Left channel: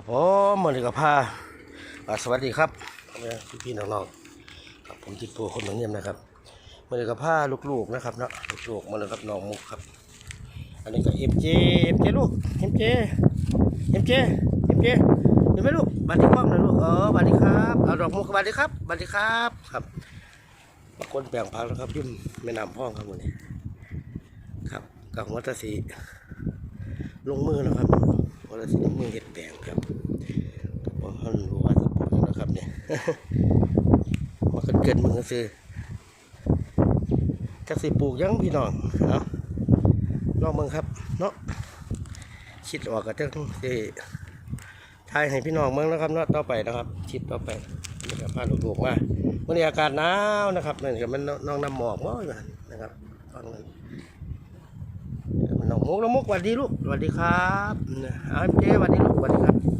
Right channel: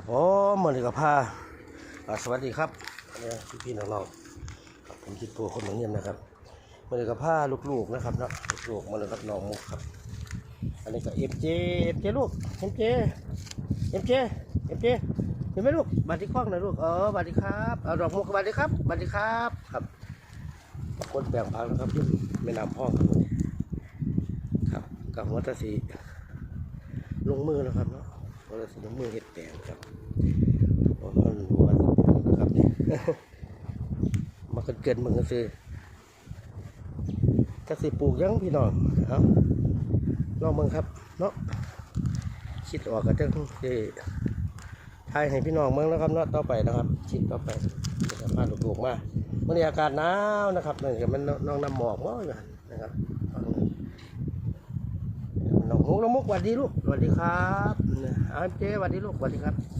ครับผมมาเลยกับพาสวัสดีครับพี่พี่น้องๆครับผมจิตปูคนเหมือนเยี่ยมนะครับมาเลยกับพาลูกๆนะครับเนาะลูกๆมาเลยกับน้องมุกครับ อันนี้ก็เอ็มเจเอ็มเจลูกเอ็มเจเอ็มเจเอ็มเจเห็นไหมลูกบัตรที่กล้องหน่อยลูกเออบัตรดีครับเอาดอกมุกบัตรดีครับบัตรดีครับครับคนแปลงพักแล้วครับยุ่มแม่น้ำพ่อครับวันนี้ครับกับหัวตสีลงมือแล้วครับ วันละสิลงมือเห็ดแปลงครับเพราะมันรู้ว่าสิปลูกหยังนะครับเนี่ยมาเกิดเกิดมึงก็ซื้อจักสิปลูกยังพี่น้องเอาลองมึงครับเนาะคิดออกก็จะสิทายให้พี่น้องเมืองนะครับเนาะต่อไปนะครับคิดต่อไปนะครับพาลูกๆมาวันนี้อากาศหนาวนะครับนั่นก็มันน้องน้ำหมอกมั้งนะครับตอนนั้ หงมุกน้ำมุกสวัสดีลูกสวัสดีครับเอาเจ๊สวัสดีลูกสวัสดีครับ